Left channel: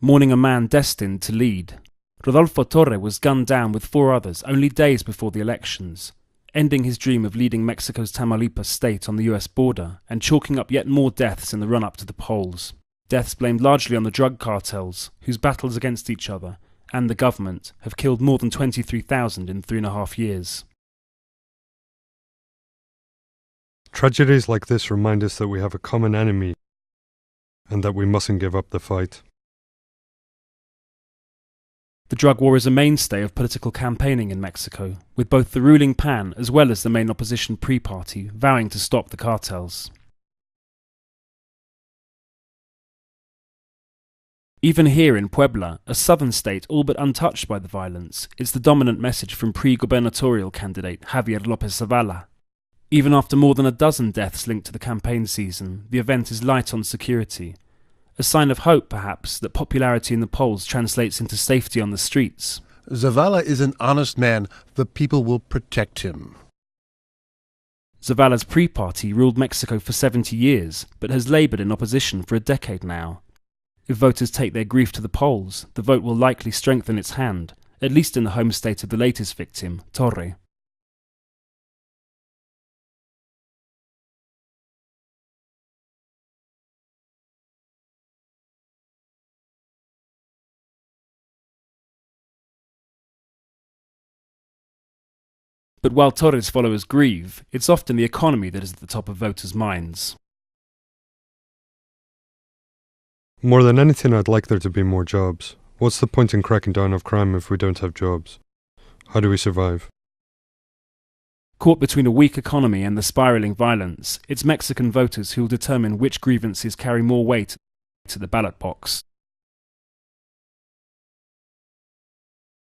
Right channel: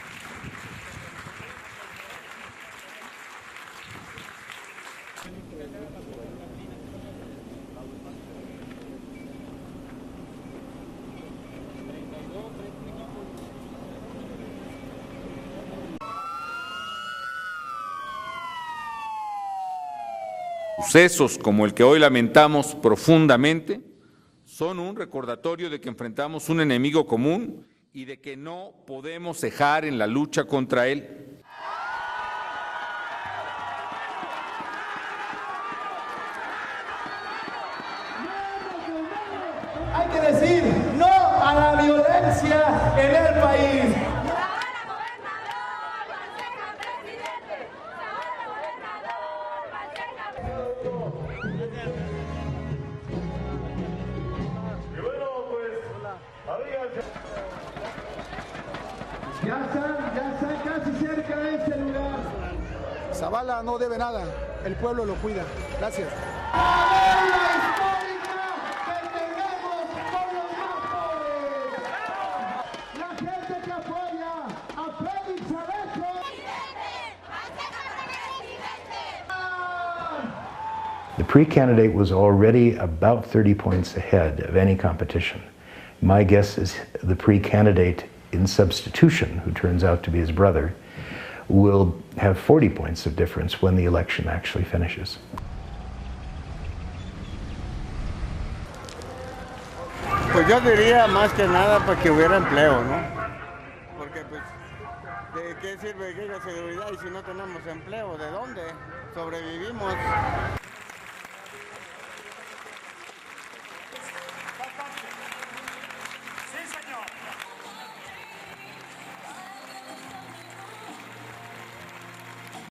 Mourning a man destined to lead, Rodolfo Torre was gunned down with 4 others only days before the elections, ending his dream of leading Mexico's Tamaulipas state on the US border and chalking up yet more deaths in the run-up to the polls. Deaths blamed largely on the drug cartels, whose battles against each other and the government have killed more than 23,000 in 3.5 years. Sucesos como el que hoy lamentamos profundamente. Tragedies like this remind us that we have a common enemy un enemigo común and that we mustn't give up the fight. Debemos cejar en la lucha contra él. The drug war is a mainstay of political campaigning in Mexico, with both the ruling PAN as well as the main opposition PRI party vowing to stop the cartels. Even here in Puebla, a southern state all but untouched by the violence, it's the dominant message from pre-gubernatorial candidate Javier López ZAVALA. Even after more than a dozen deaths linked to the campaign season, the event is light on security. A sign of hope, perhaps, that popularity in the polls translates into safety on the streets. Zavala is an honest man. The people will protect him. Zavala's PRI party ruled Mexico for 70 years, but has laboured in opposition for a decade now. If voters take their grief to the polls, the vote will likely strengthen its hand, at least in the home state of the latest victim, Torre. The PRI candidate was already about 30 points ahead of any competition. My guess is the PRI candidate in substitution, who turns out to be his brother, will have 40 points of difference when the election actually finishes. But while Torre's followers grieve, it's often the economy that is at the top of voters' minds. More than anything, I'd like there to be more jobs. What's the point in cracking down on crime if we don't have jobs? How do we survive? Caught between a weak economy and the spiralling violence, it's Mexican voters who will determine which grievances carry more weight to the ballot box.